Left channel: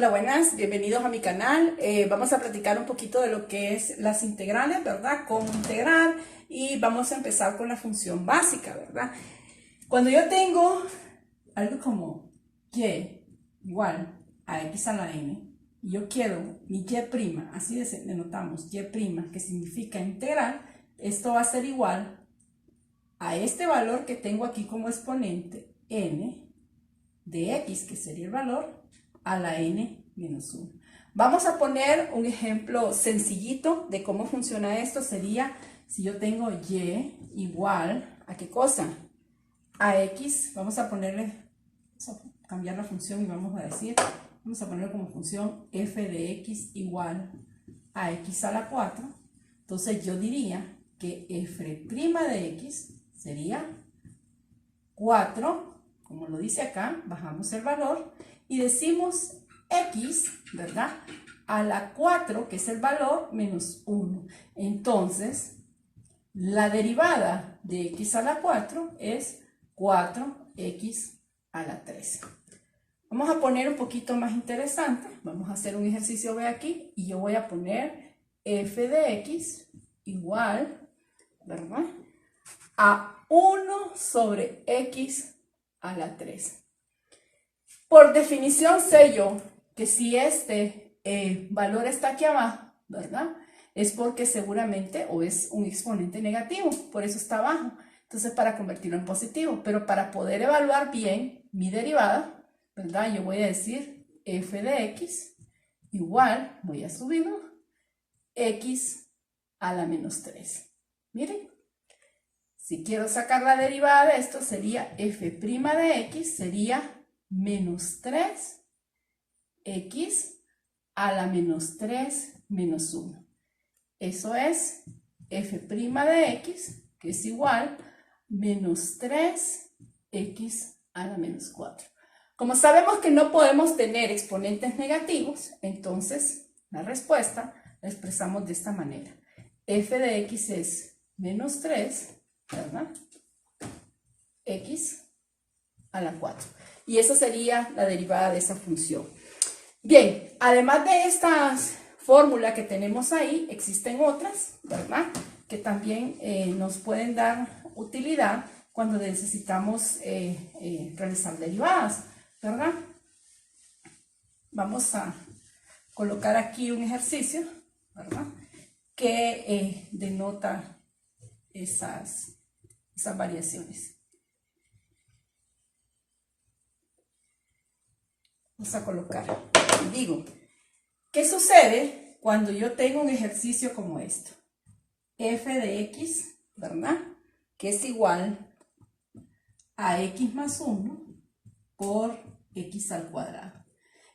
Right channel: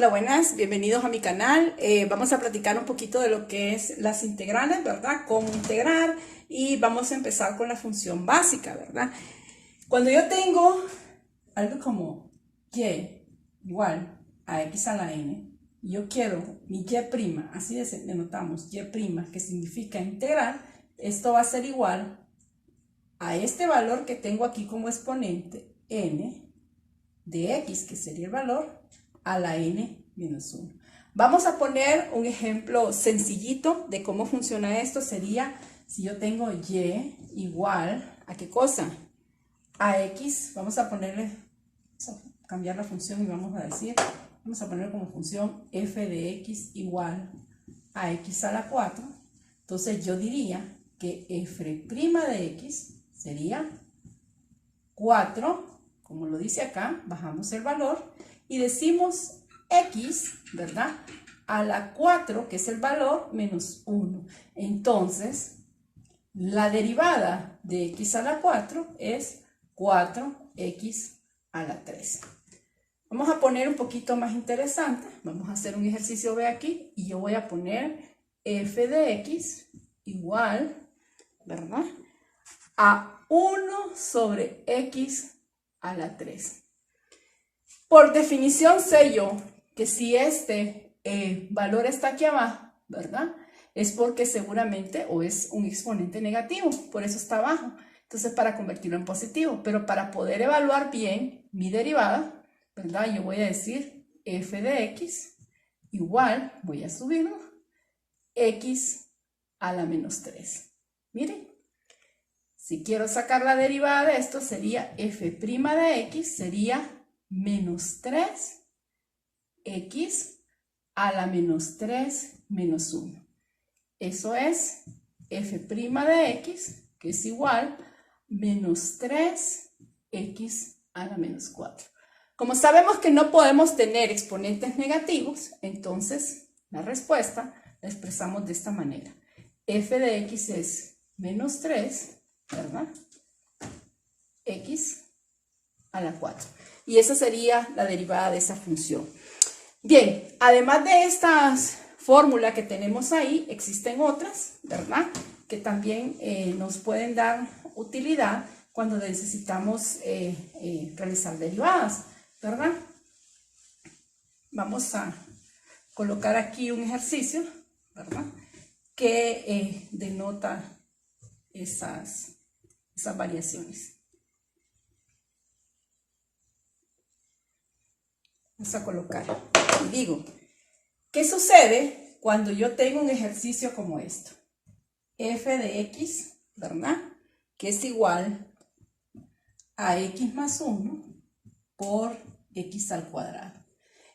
Hola, buenas, bienvenidos a mi canal. Vamos a platicar un poquito de lo que es las integrales, ¿verdad? Cómo integrar y vamos a empezar con la función básica, ¿verdad? Cuando yo tengo algo como y igual a x a la n, y yo quiero mi y', así denotamos y', que significa integral, esto va a ser igual a este valor que tengo aquí como exponente, n de x, que sería el valor, a la n menos 1. Vamos a poner un ejemplo sencillito de cómo funciona esto. Sería si yo tengo y igual a ¿qué cosa? A x. Vamos a ponerle, vamos a cambiar la función y vamos a decir, vamos a ponerle como función f de x igual a x a la 4. Entonces yo diría que f' de x sería 4, como lo dice acá, bajamos el valor y decimos x, ¿verdad? A la 4, que es el valor, menos 1. Entonces, la derivada de x a la 4 es 4x a la 3. Vamos a poner un poquito más interesante. Vamos a hacer un ejercicio B aquí y yo voy a poner f de x igual, ¿verdad? A 1 sobre x a la 3. Por definición sé yo que si este valor está aquí abajo, ¿verdad? Es porque seguramente o es un exponente negativo, por eso está abajo. Entonces para convertirlo en positivo, pero para poder evaluar bien mi derivada, ¿verdad? Yo voy a decir f de x igual, voy a subirlo, x a la menos 3. Miren. Si quiero sacar la derivada de esto, sería f' de x, sería menos 3x a la menos 3 menos 1. Eso es f' de x, que es igual menos 3x a la menos 4. Como sabemos que no podemos tener exponentes negativos, entonces la respuesta la expresamos de esta manera. F de x es menos 3, ¿verdad? X a la 4. Y esa sería la derivada de esa función. Bien, además de estas fórmulas que tenemos ahí, existen otras, ¿verdad? Que también nos pueden dar utilidad cuando necesitamos realizar derivadas, ¿verdad? Vamos a colocar aquí un ejercicio, ¿verdad? Que denota esas variaciones. Vamos a colocar. Y digo, ¿qué sucede cuando yo tengo un ejercicio como esto? F de x, ¿verdad? Que es igual a x más 1 por x al cuadrado.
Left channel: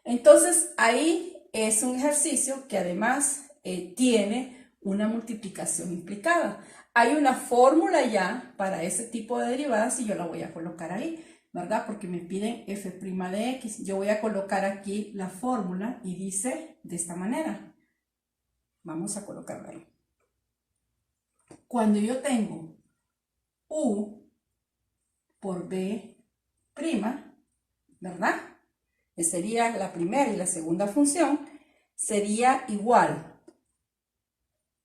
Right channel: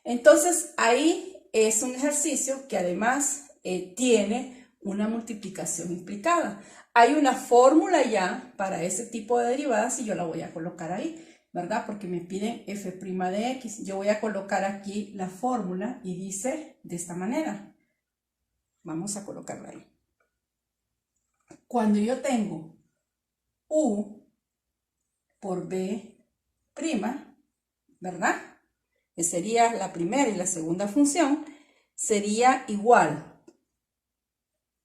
Entonces, ahí es un ejercicio que además tiene una multiplicación implicada. Hay una fórmula ya para ese tipo de derivadas y yo la voy a colocar ahí, ¿verdad? Porque me piden f' de x. Yo voy a colocar aquí la fórmula y dice de esta manera. Vamos a colocarla ahí. Cuando yo tengo u por b', ¿verdad? Que sería la primera y la segunda función, sería igual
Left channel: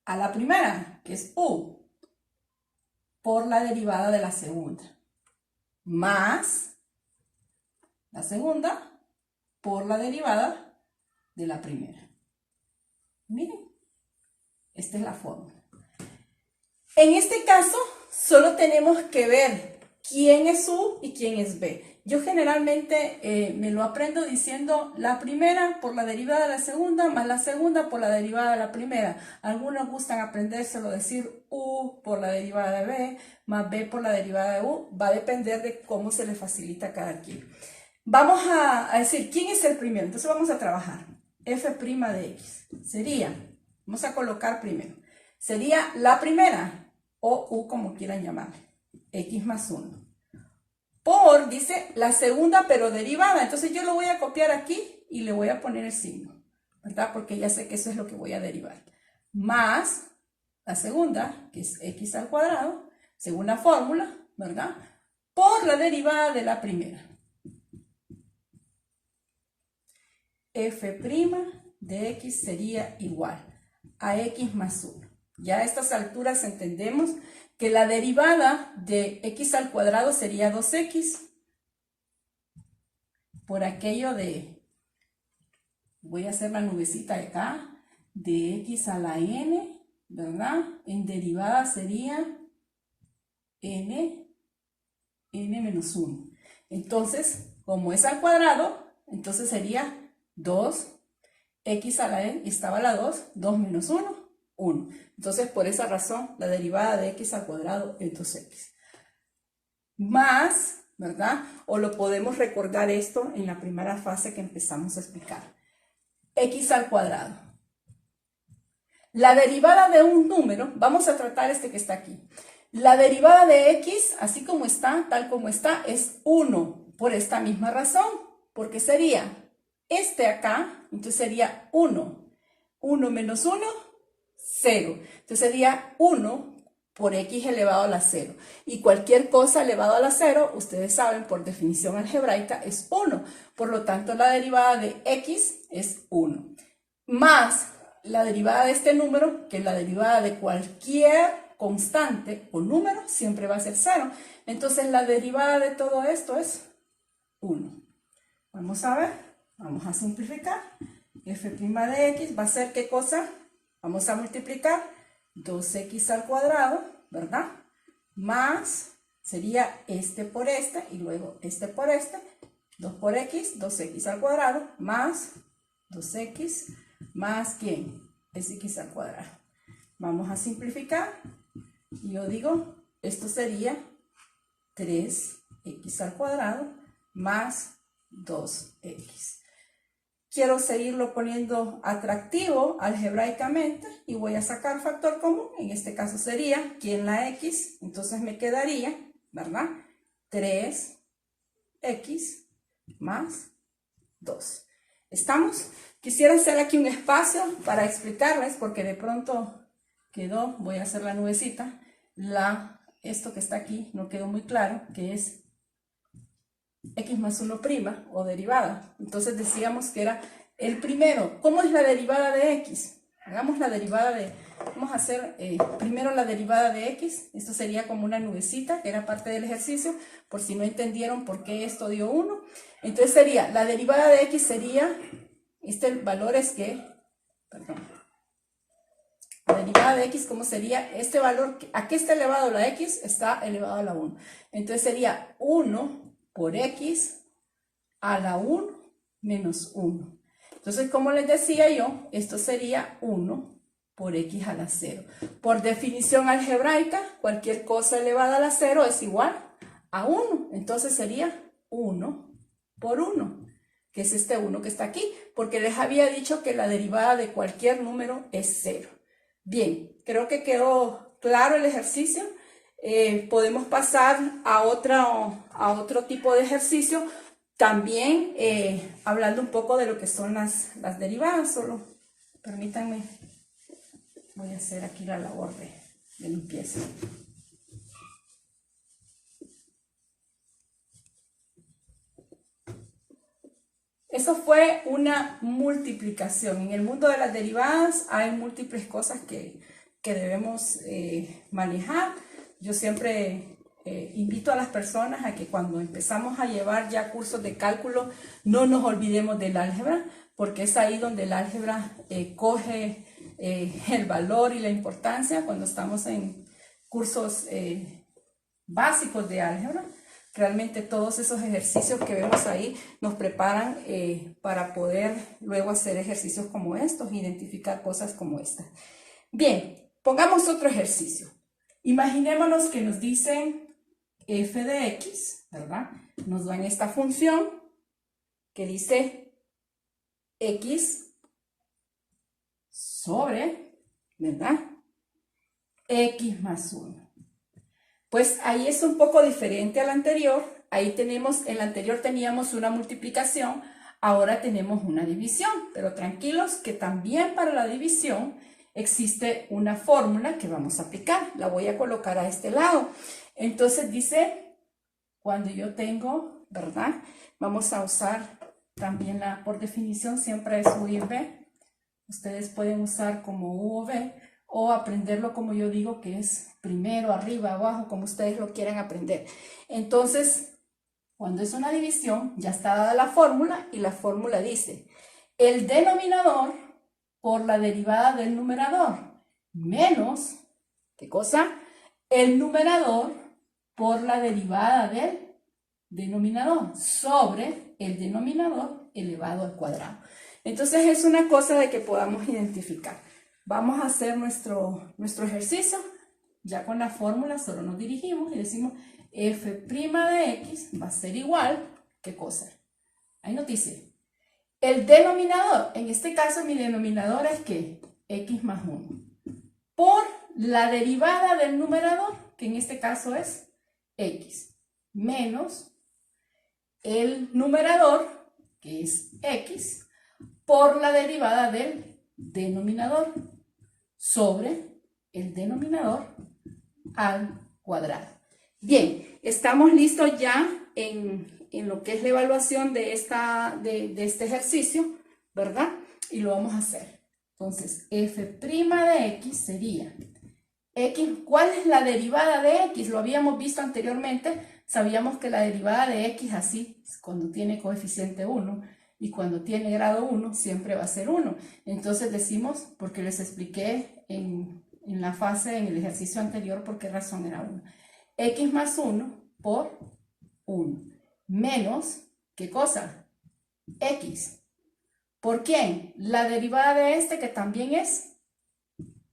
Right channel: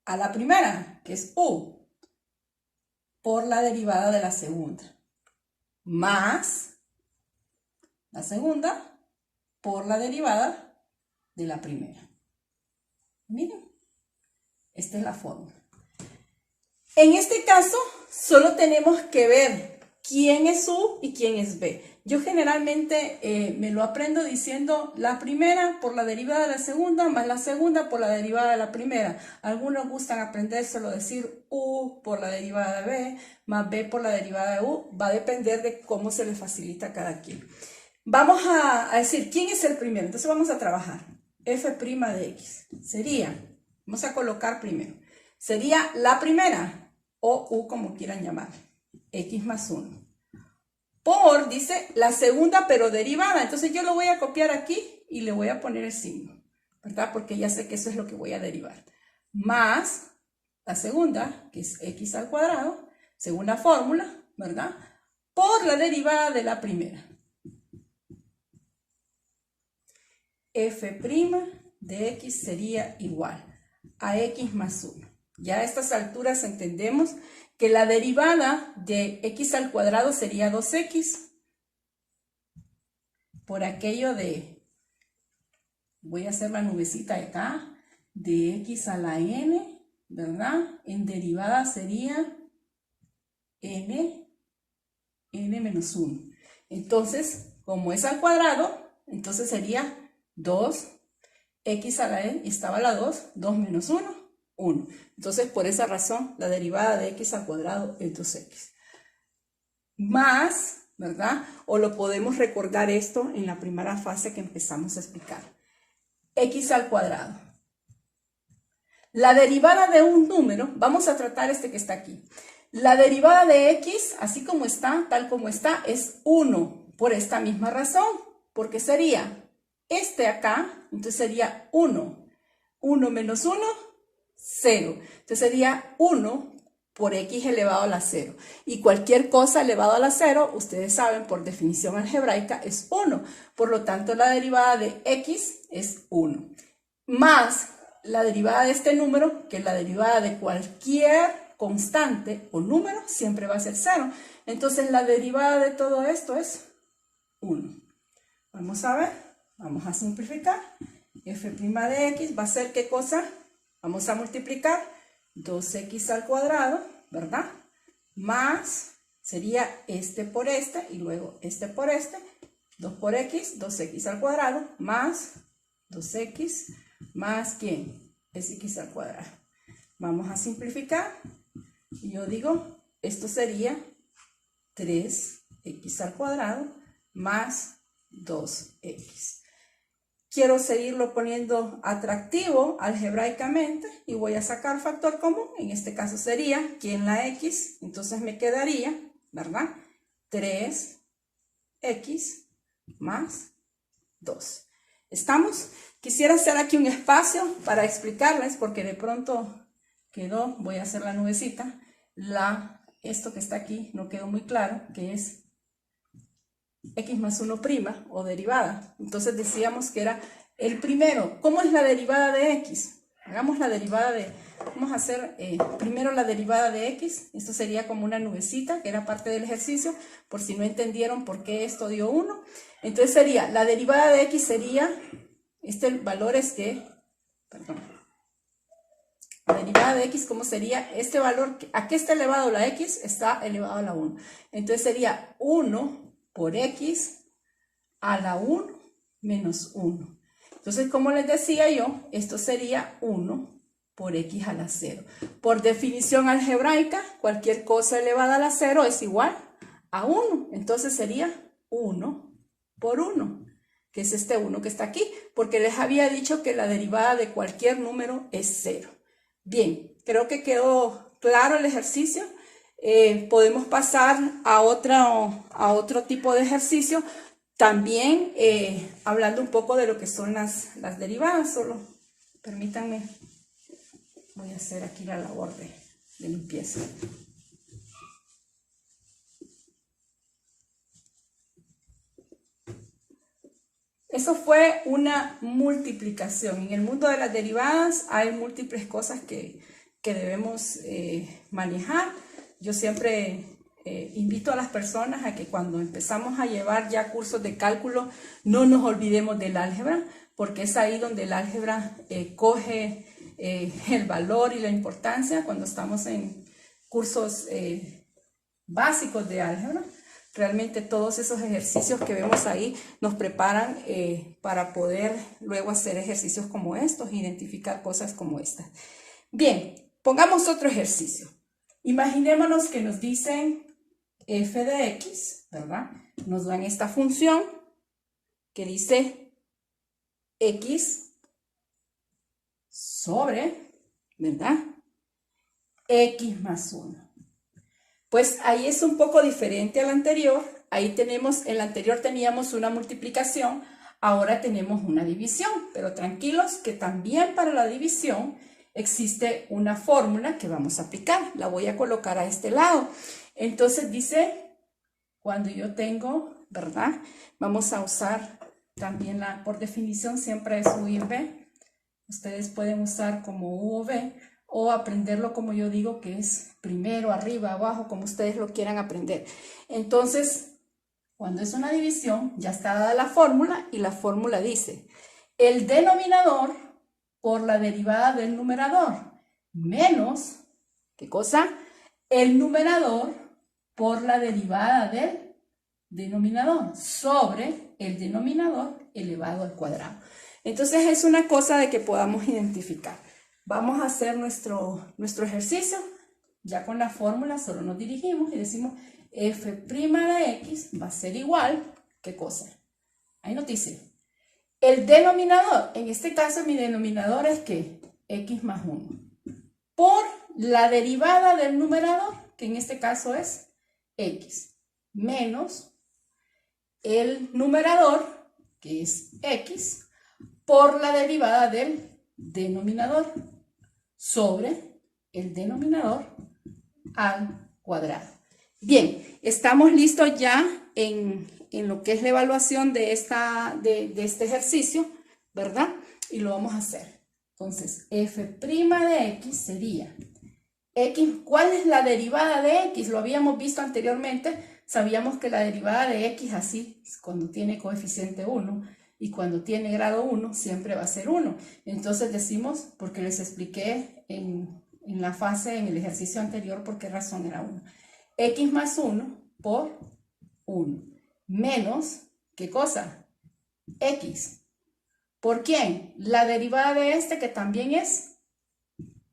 a la primera, que es u, por la derivada de la segunda, más la segunda por la derivada de la primera. Miren, esta es la fórmula. En este caso, solo tenemos que ver quién es u y quién es b. Yo generalmente me lo aprendo diciendo la primera por la derivada de la segunda, más la segunda por la derivada de la primera. Algunos gustan aprendérselo, decir u por la derivada de b, más b por la derivada de u. Va a depender de cómo se le facilita a cada quien. Vamos a decir, ¿quién es el primero? Entonces vamos a trabajar. F' de x. Sería, vamos a colocar primero, sería la primera, o u como quieran llamar, x más 1. Por, dice, la segunda pero derivada. Entonces yo lo voy a copiar aquí y le voy a poner el signo, ¿verdad? Porque ya sé que eso es lo que voy a derivar. Más la segunda, que es x al cuadrado, según la fórmula, ¿verdad? Por la derivada de la primera. f' de x sería igual a x más 1. Ya a estas alturas entendemos que la derivada de x al cuadrado sería 2x. Por aquello de, voy a hacer la nubecita de acá, de x a la n, ¿verdad? En derivada sería n menos 1. Entonces, como es al cuadrado, entonces sería 2x a la n, estaba la 2 menos 1, 1. Entonces, por esa razón, la derivada de x al cuadrado es 2x. Más, ¿verdad? O lo podemos recordar esto en la primera fase que empezamos a explicar. X al cuadrado. La derivada de un número, vamos a tratar este que está aquí. La derivada de x, así como está, tal como está, es 1, por esta misma razón, porque sería este acá, entonces sería 1. 1 menos 1, 0. Entonces sería 1 por x elevado a la 0. Y cualquier cosa elevado a la 0, ustedes saben, por definición algebraica, es 1. Por lo tanto, la derivada de x es 1. Más la derivada de este número, que la derivada de cualquier constante o número, siempre va a ser 0. Entonces, la derivada de todo esto es 1. Vamos a ver, vamos a simplificar. F' de x va a ser, ¿qué cosa? Vamos a multiplicar 2x al cuadrado, ¿verdad? Más, sería este por este, y luego este por este. 2 por x, 2x al cuadrado, más 2x, más ¿quién? Es x al cuadrado. Vamos a simplificar. Yo digo, esto sería 3x al cuadrado más 2x. Quiero seguirlo poniendo atractivo algebraicamente y voy a sacar factor común. En este caso sería, ¿quién? La x. Entonces me quedaría, ¿verdad? 3x más 2. ¿Estamos? Quisiera hacer aquí un espacio para explicarles, porque de pronto quedó, voy a hacer la nubecita, esto que está aquí no quedó muy claro, que es x más 1' o derivada. Entonces decíamos que era el primero. ¿Cómo es la derivada de x? Hagamos la derivada de, vamos a hacer primero la derivada de x. Esto sería como una nubecita, que era parte del ejercicio, por si no entendieron por qué esto dio 1. Entonces sería, la derivada de x sería, este valor es que, perdón, la derivada de x, ¿cómo sería? Este valor, ¿a qué está elevado la x? Está elevado a la 1. Entonces sería 1 por x a la 1 menos 1. Entonces, como les decía yo, esto sería 1 por x a la 0. Por definición algebraica, cualquier cosa elevada a la 0 es igual a 1. Entonces sería 1 por 1, que es este 1 que está aquí, porque les había dicho que la derivada de cualquier número es 0. Bien, creo que quedó claro el ejercicio. Podemos pasar a otro tipo de ejercicio, también hablando un poco de lo que son las derivadas. Solo permítanme, voy a hacer aquí la labor de limpieza. Eso fue una multiplicación. En el mundo de las derivadas hay múltiples cosas que debemos manejar. Yo siempre invito a las personas a que cuando empezamos a llevar ya cursos de cálculo no nos olvidemos del álgebra, porque es ahí donde el álgebra coge el valor y la importancia cuando estamos en cursos básicos de álgebra. Realmente todos esos ejercicios que vemos ahí nos preparan para poder luego hacer ejercicios como estos, identificar cosas como estas. Bien, pongamos otro ejercicio. Imaginémonos que nos dicen f de x, ¿verdad? Nos dan esta función que dice x sobre, ¿verdad? X más 1. Pues ahí es un poco diferente al anterior. Ahí tenemos, en el anterior teníamos una multiplicación, ahora tenemos una división. Pero tranquilos que también para la división existe una fórmula que vamos a aplicar. La voy a colocar a este lado. Entonces dice, cuando yo tengo, ¿verdad? Vamos a usar también por definición siempre es U y en B. Ustedes pueden usar como U o B o aprenderlo como yo digo, que es primero, arriba, abajo, como ustedes lo quieran aprender. Entonces, cuando es una división, ya está dada la fórmula y la fórmula dice el denominador por la derivada del numerador menos, ¿qué cosa? El numerador por la derivada del denominador sobre el denominador elevado al cuadrado. Entonces es una cosa de que podamos identificar. Vamos a hacer nuestro ejercicio. Ya con la fórmula solo nos dirigimos y decimos f' de x va a ser igual, ¿qué cosa? Ahí nos dice, el denominador, en este caso mi denominador es ¿qué? X más 1. Por la derivada del numerador, que en este caso es x, menos el numerador, que es x, por la derivada del denominador sobre el denominador al cuadrado. Bien, estamos listos ya en lo que es la evaluación de este ejercicio, ¿verdad? Y lo vamos a hacer. Entonces, f' de x sería x, ¿cuál es la derivada de x? Lo habíamos visto anteriormente, sabíamos que la derivada de x así, cuando tiene coeficiente 1 y cuando tiene grado 1, siempre va a ser 1. Entonces decimos, porque les expliqué en la fase, en el ejercicio anterior, por qué razón era 1. X más 1 por 1, menos, ¿qué cosa? X. ¿Por quién? La derivada de este, que también es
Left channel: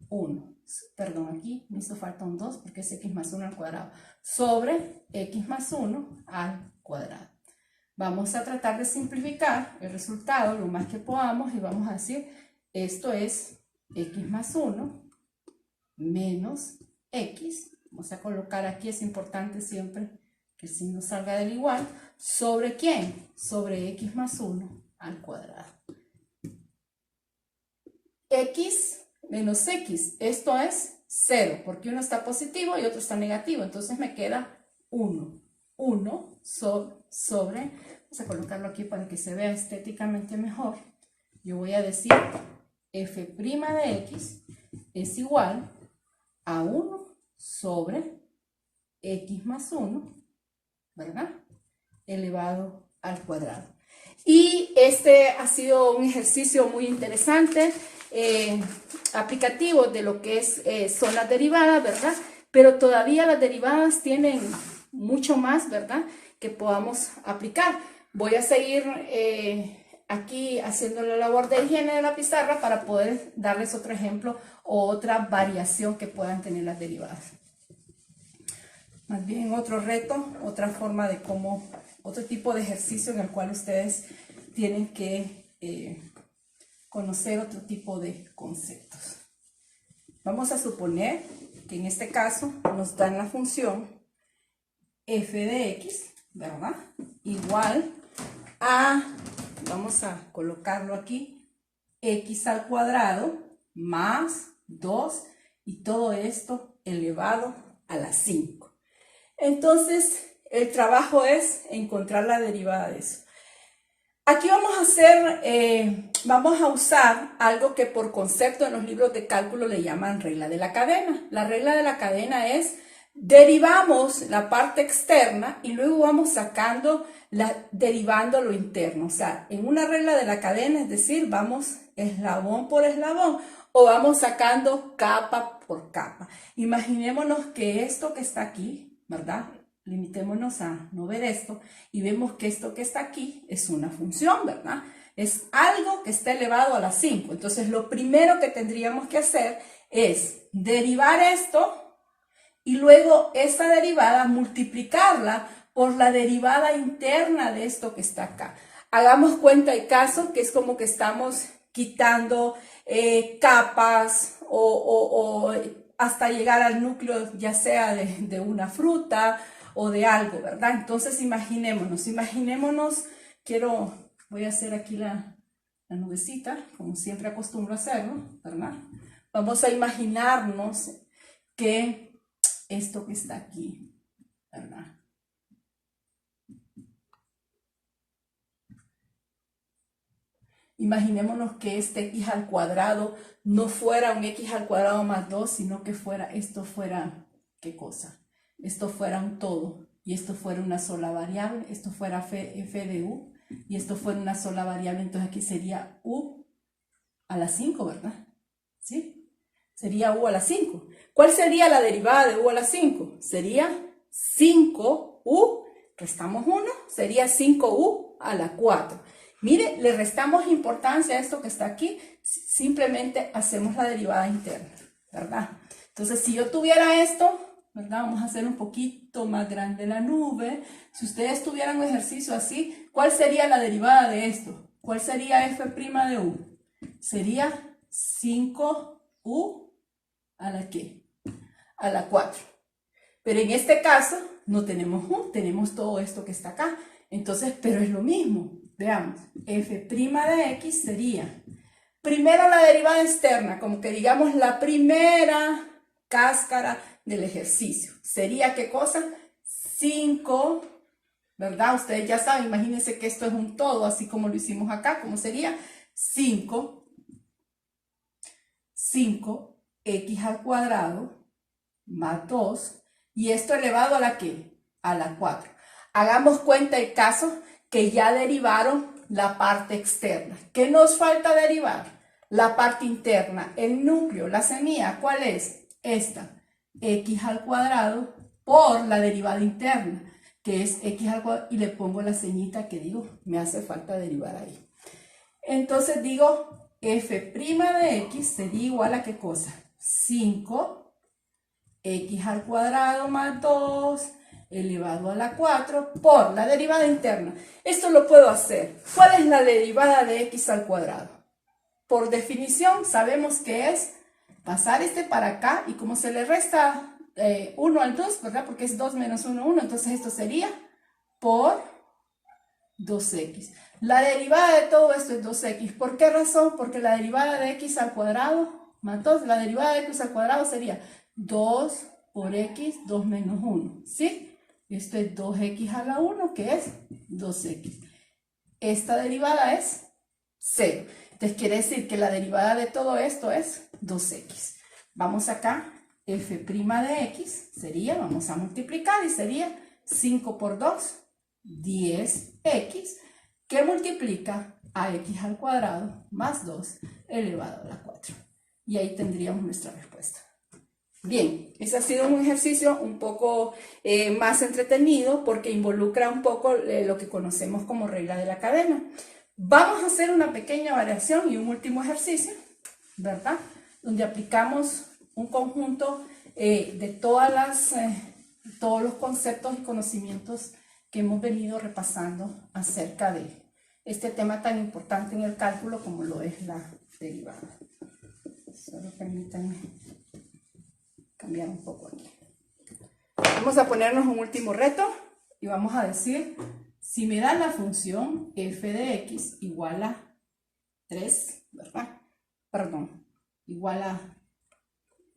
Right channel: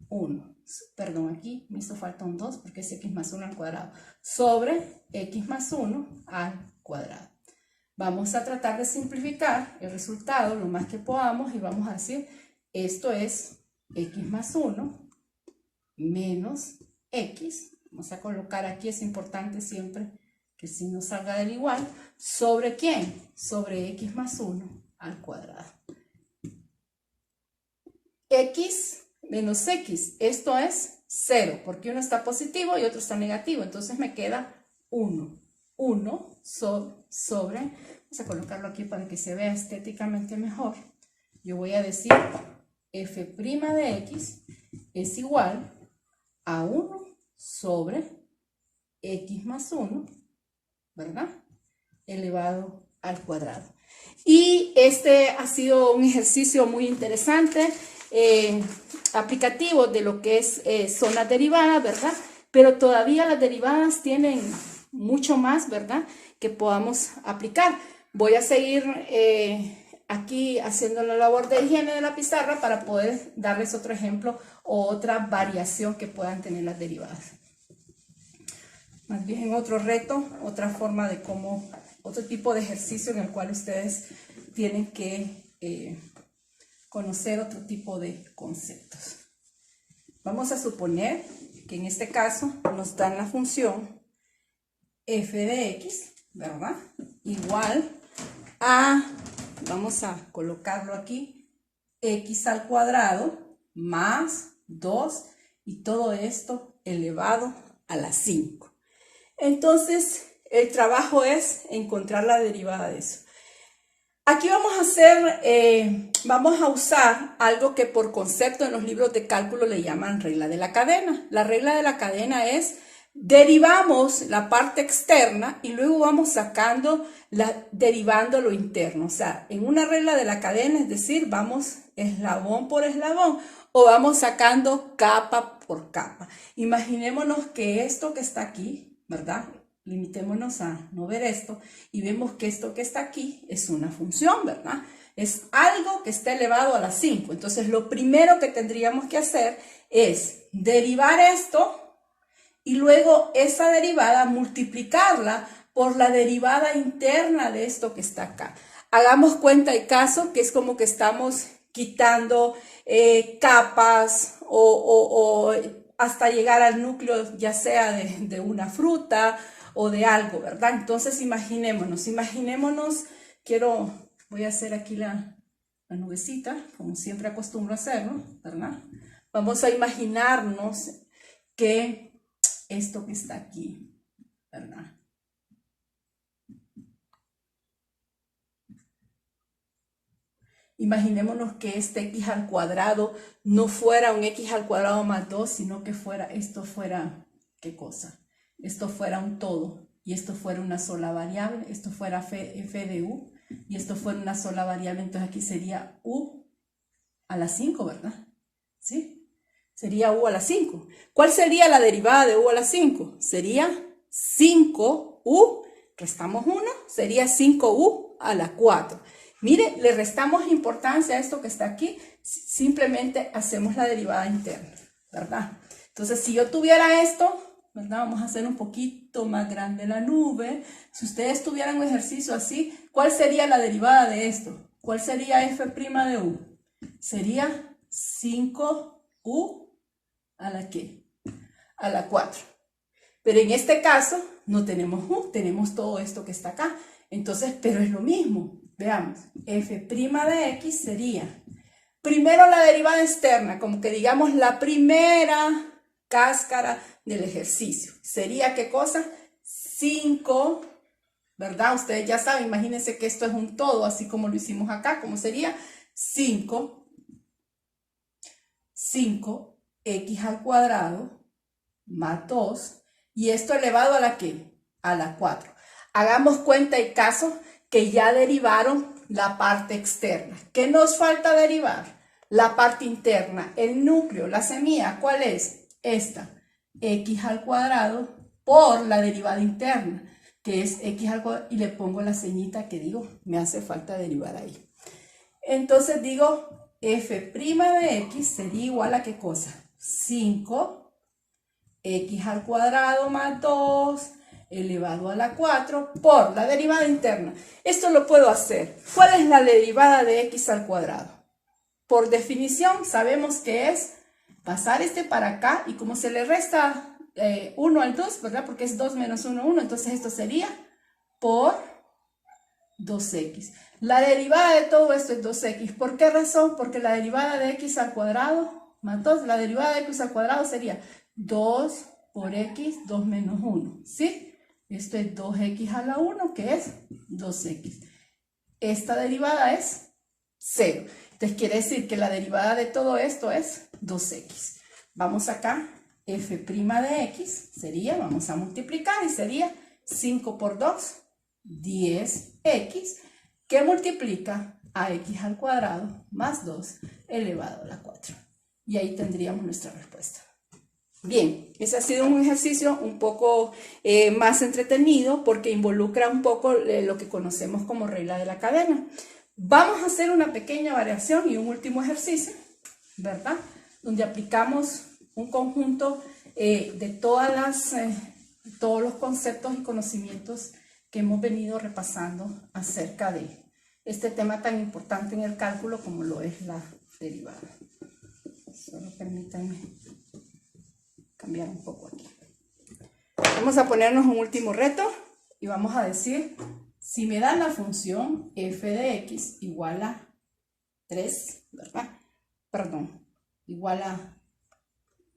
1. Perdón, aquí me hizo falta un 2 porque es x más 1 al cuadrado. Sobre x más 1 al cuadrado. Vamos a tratar de simplificar el resultado lo más que podamos y vamos a decir, esto es x más 1 menos x. Vamos a colocar aquí, es importante siempre que el signo salga del igual. ¿Sobre quién? Sobre x más 1 al cuadrado. X menos x, esto es 0, porque uno está positivo y otro está negativo, entonces me queda 1. 1 sobre, vamos a colocarlo aquí para que se vea estéticamente mejor. Yo voy a decir f' de x es igual a 1 sobre x más 1, ¿verdad? Elevado al cuadrado. Y este ha sido un ejercicio muy interesante, aplicativo de lo que son las derivadas, ¿verdad? Pero todavía las derivadas tienen mucho más, ¿verdad? Que podamos aplicar. Voy a seguir aquí haciendo la labor de higiene de la pizarra para poder darles otro ejemplo o otra variación que puedan tener las derivadas. Más bien otro reto, otra forma de cómo, otro tipo de ejercicio en el cual ustedes tienen que conocer otro tipo de conceptos. Vamos a suponer que en este caso nos dan la función f de x, ¿verdad? Igual a, vamos a colocarlo aquí, x al cuadrado más 2 y todo esto elevado a la 5. Entonces, el trabajo es encontrar la derivada de eso. Aquí vamos a hacer, vamos a usar algo que por concepto en los libros de cálculo le llaman regla de la cadena. La regla de la cadena es, derivamos la parte externa y luego vamos sacando, derivando lo interno. O sea, en una regla de la cadena, es decir, vamos eslabón por eslabón o vamos sacando capa por capa. Imaginémonos que esto que está aquí, ¿verdad? Limitémonos a no ver esto y vemos que esto que está aquí es una función, ¿verdad? Es algo que está elevado a la 5. Entonces, lo primero que tendríamos que hacer es derivar esto y luego esa derivada multiplicarla por la derivada interna de esto que está acá. Hagamos cuenta de caso que es como que estamos quitando capas o hasta llegar al núcleo, ya sea de una fruta o de algo, ¿verdad? Entonces imaginémonos, voy a hacer aquí la nubecita, como siempre acostumbro a hacerlo, ¿verdad? Vamos a imaginarnos que esto que está aquí, ¿verdad? Imaginémonos que este x al cuadrado no fuera un x al cuadrado más 2, sino que esto fuera, ¿qué cosa? Esto fuera un todo, y esto fuera una sola variable, esto fuera f de u, y esto fuera una sola variable, entonces aquí sería u a la 5, ¿verdad? ¿Sí? Sería u a la 5. ¿Cuál sería la derivada de u a la 5? Sería 5u, restamos 1, sería 5u a la 4. Mire, le restamos importancia a esto que está aquí, simplemente hacemos la derivada interna, ¿verdad? Entonces, si yo tuviera esto, ¿verdad? Vamos a hacer un poquito más grande la nube. Si ustedes tuvieran un ejercicio así, ¿cuál sería la derivada de esto? ¿Cuál sería f' de u? Sería 5u a la ¿qué? A la 4. Pero en este caso no tenemos u, tenemos todo esto que está acá. Entonces, pero es lo mismo. Veamos, f' de x sería, primero la derivada externa, como que digamos la primera cáscara del ejercicio. ¿Sería qué cosa? 5, ¿verdad? Ustedes ya saben, imagínense que esto es un todo, así como lo hicimos acá. ¿Cómo sería? 5 x al cuadrado más 2, y esto elevado a la ¿qué? A la 4. Hagamos cuenta y caso que ya derivaron la parte externa. ¿Qué nos falta derivar? La parte interna, el núcleo, la semilla. ¿Cuál es? Esta, x al cuadrado por la derivada interna, que es x al cuadrado, y le pongo la ceñita que digo, me hace falta derivar ahí. Entonces digo, f' de x sería igual a ¿qué cosa? 5 x al cuadrado más 2 elevado a la 4 por la derivada interna. Esto lo puedo hacer. ¿Cuál es la derivada de x al cuadrado? Por definición sabemos que es pasar este para acá, y como se le resta 1 al 2, ¿verdad? Porque es 2 menos 1, 1, entonces esto sería por 2x. La derivada de todo esto es 2x. ¿Por qué razón? Porque la derivada de x al cuadrado más 2, la derivada de x al cuadrado sería 2 por x, 2 menos 1, ¿sí? Esto es 2x a la 1, que es 2x. Esta derivada es 0. Entonces quiere decir que la derivada de todo esto es 2x. Vamos acá, f' de x sería, vamos a multiplicar, y sería 5 por 2, 10x, que multiplica a x al cuadrado más 2 elevado a la 4. Y ahí tendríamos nuestra respuesta. Bien, ese ha sido un ejercicio un poco más entretenido porque involucra un poco lo que conocemos como regla de la cadena. Vamos a hacer una pequeña variación y un último ejercicio, ¿verdad? Donde aplicamos un conjunto de todos los conceptos y conocimientos que hemos venido repasando acerca de este tema tan importante en el cálculo como lo es la derivada. Solo permítanme cambiar un poco aquí. Vamos a ponernos un último reto y vamos a decir, si me dan la función f de x igual a 3, ¿verdad? Perdón, igual a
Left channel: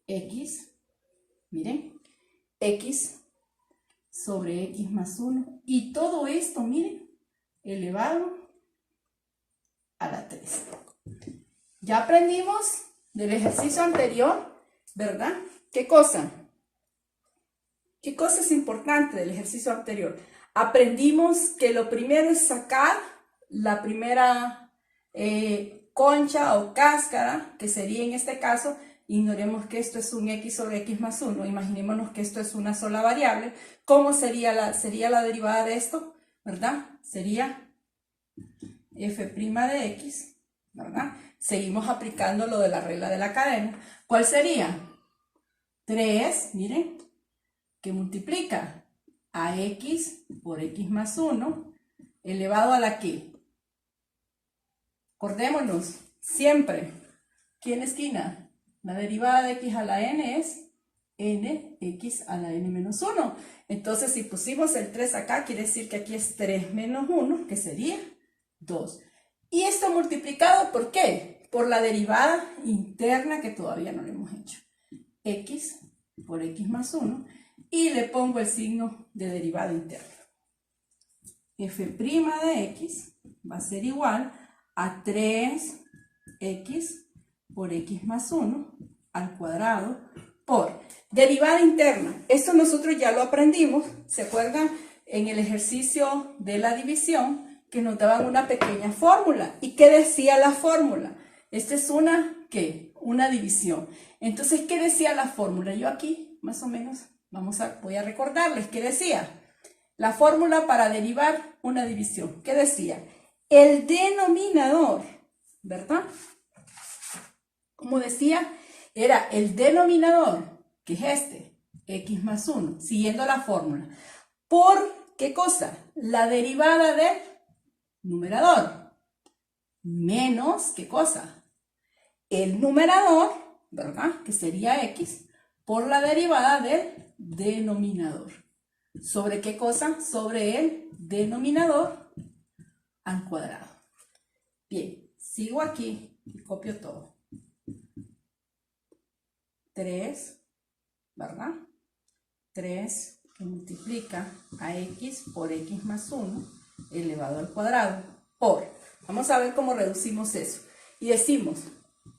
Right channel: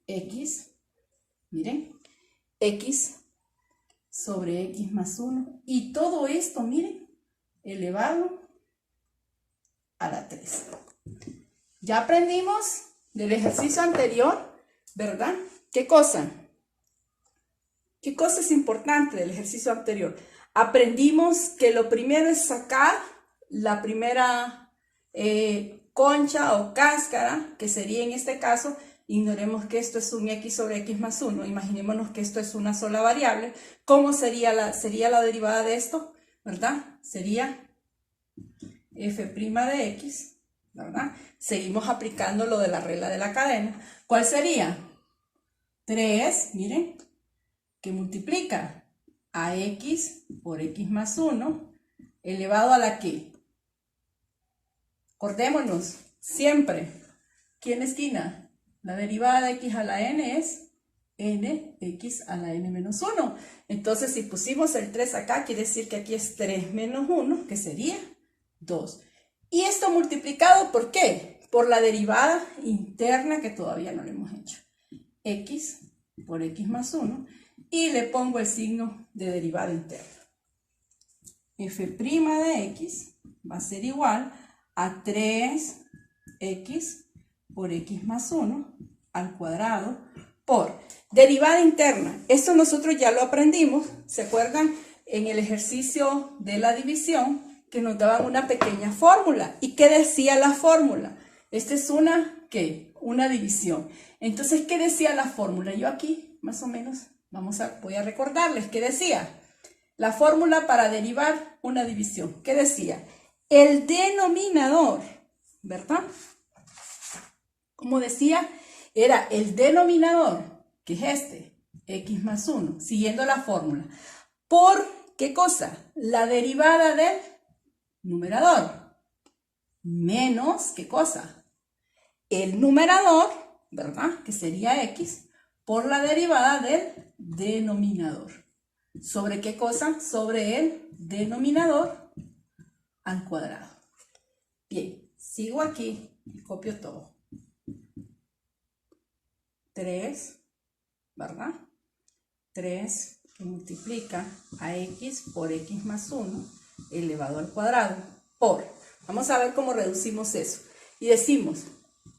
x, miren, x sobre x más 1, y todo esto, miren, elevado a la 3. Ya aprendimos del ejercicio anterior, ¿verdad? ¿Qué cosa? ¿Qué cosa es importante del ejercicio anterior? Aprendimos que lo primero es sacar la primera concha o cáscara, que sería en este caso, ignoremos que esto es un x sobre x más 1, imaginémonos que esto es una sola variable. ¿Cómo sería la derivada de esto? ¿Verdad? Sería f' de x, ¿verdad? Seguimos aplicando lo de la regla de la cadena. ¿Cuál sería? 3, miren, que multiplica a x por x más 1 elevado a la ¿qué? Acordémonos, siempre, aquí en la esquina, la derivada de x a la n es nx a la n menos 1. Entonces, si pusimos el 3 acá, quiere decir que aquí es 3 menos 1, que sería 2. ¿Y esto multiplicado por qué? Por la derivada interna que todavía no lo hemos hecho. X por x más 1, y le pongo el signo de derivada interna. F' de x va a ser igual a 3x por x más 1 al cuadrado por derivada interna. Esto nosotros ya lo aprendimos, ¿se acuerdan? En el ejercicio de la división que nos daban una pequeña fórmula. ¿Y qué decía la fórmula? Esta es una, ¿qué? Una división. Entonces, ¿qué decía la fórmula? Yo aquí, más o menos, voy a recordarles qué decía. La fórmula para derivar una división. ¿Qué decía? El denominador, ¿verdad? Como decía, era el denominador, que es este, x más 1, siguiendo la fórmula. ¿Por qué cosa? La derivada del numerador. Menos, ¿qué cosa? El numerador, ¿verdad? Que sería x, por la derivada del denominador. ¿Sobre qué cosa? Sobre el denominador al cuadrado. Bien, sigo aquí y copio todo. 3, ¿verdad? 3 que multiplica a x por x más 1 elevado al cuadrado por, vamos a ver cómo reducimos eso. Y decimos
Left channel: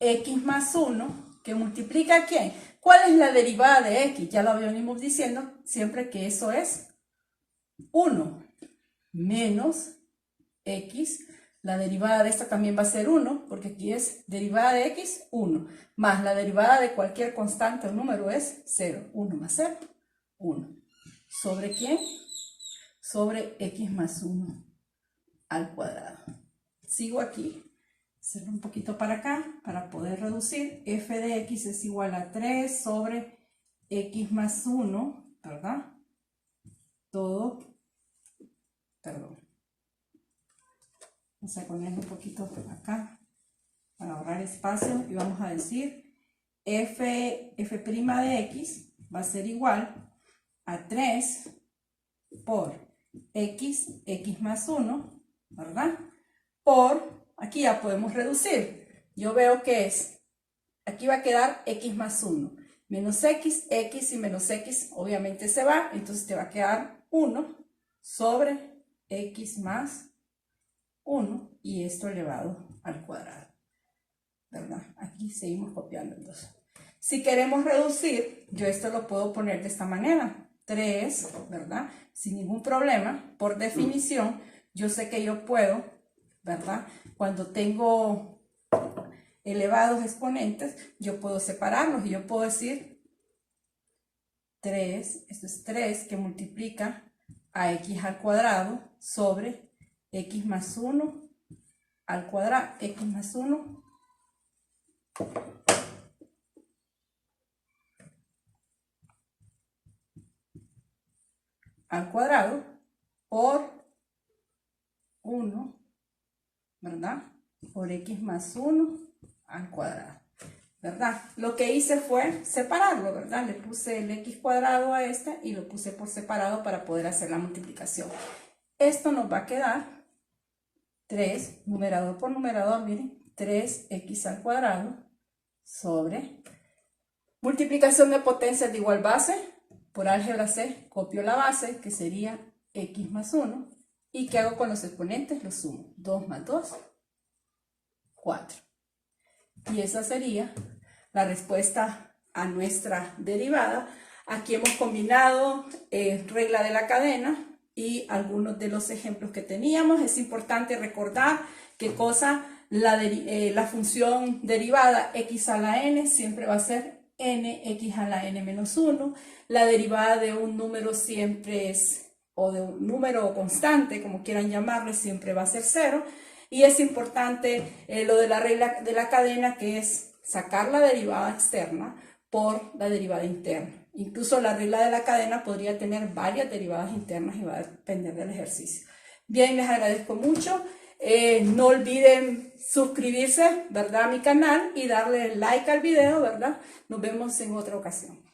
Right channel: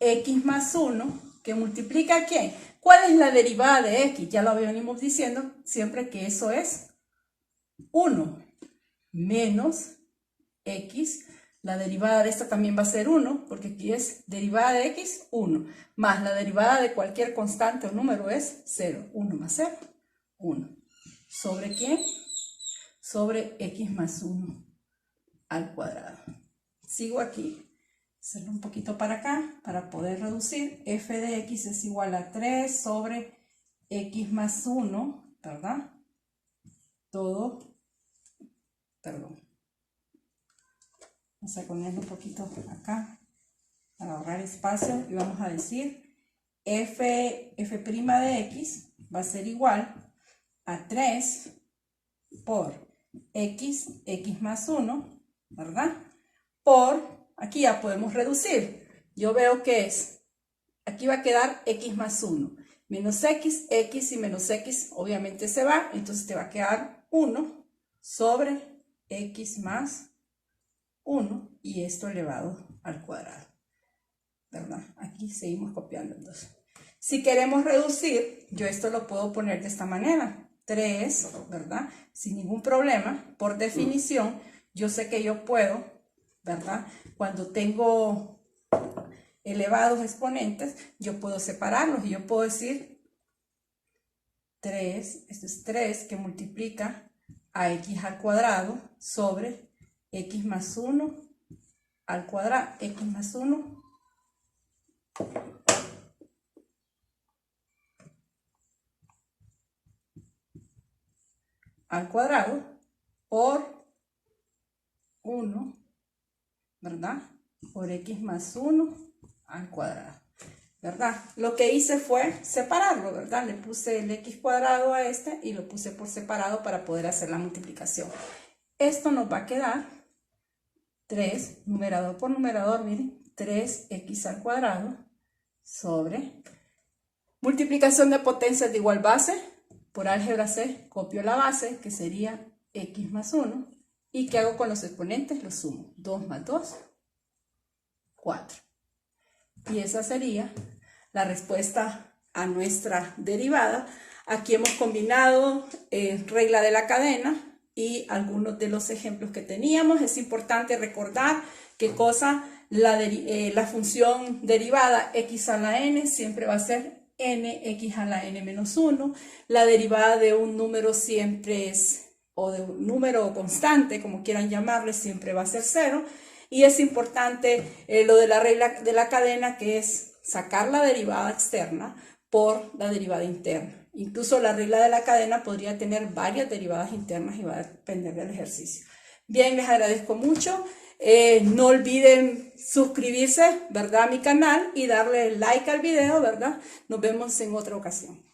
x más 1 que multiplica ¿a quién? ¿Cuál es la derivada de x? Ya lo venimos diciendo siempre que eso es 1 menos x. La derivada de esta también va a ser 1, porque aquí es derivada de x, 1. Más la derivada de cualquier constante o número es 0. 1 más 0, 1. ¿Sobre quién? Sobre x más 1 al cuadrado. Sigo aquí. Hacerlo un poquito para acá para poder reducir. F de x es igual a 3 sobre x más 1, ¿verdad? Todo, perdón. Vamos a ponerle un poquito acá para ahorrar espacio y vamos a decir f' de x va a ser igual a 3 por x más 1, ¿verdad? Por, aquí ya podemos reducir. Yo veo que es, aquí va a quedar x más 1. Menos x y menos x obviamente se va, entonces te va a quedar 1 sobre x más 1 y esto elevado al cuadrado, ¿verdad? Aquí seguimos copiando entonces. Si queremos reducir, yo esto lo puedo poner de esta manera. 3, ¿verdad? Sin ningún problema. Por definición, yo sé que yo puedo, ¿verdad? Cuando tengo elevados exponentes, yo puedo separarlos y yo puedo decir 3, esto es 3 que multiplica a x al cuadrado sobre x más 1 al cuadrado, x más 1 al cuadrado por 1, ¿verdad? Por x más 1 al cuadrado, ¿verdad? Lo que hice fue separarlo, ¿verdad? Le puse el x cuadrado a este y lo puse por separado para poder hacer la multiplicación. Esto nos va a quedar 3, numerador por numerador, miren, 3x al cuadrado sobre multiplicación de potencias de igual base. Por álgebra C, copio la base, que sería x más 1. ¿Y qué hago con los exponentes? Los sumo. 2 más 2, 4. Y esa sería la respuesta a nuestra derivada. Aquí hemos combinado regla de la cadena y algunos de los ejemplos que teníamos. Es importante recordar qué cosa, la función derivada x a la n siempre va a ser nx a la n menos 1. La derivada de un número siempre es, o de un número constante, como quieran llamarle, siempre va a ser 0. Y es importante lo de la regla de la cadena, que es sacar la derivada externa por la derivada interna. Incluso la regla de la cadena podría tener varias derivadas internas y va a depender del ejercicio. Bien, les agradezco mucho. No olviden suscribirse, ¿verdad?, a mi canal y darle like al video, ¿verdad? Nos vemos en otra ocasión.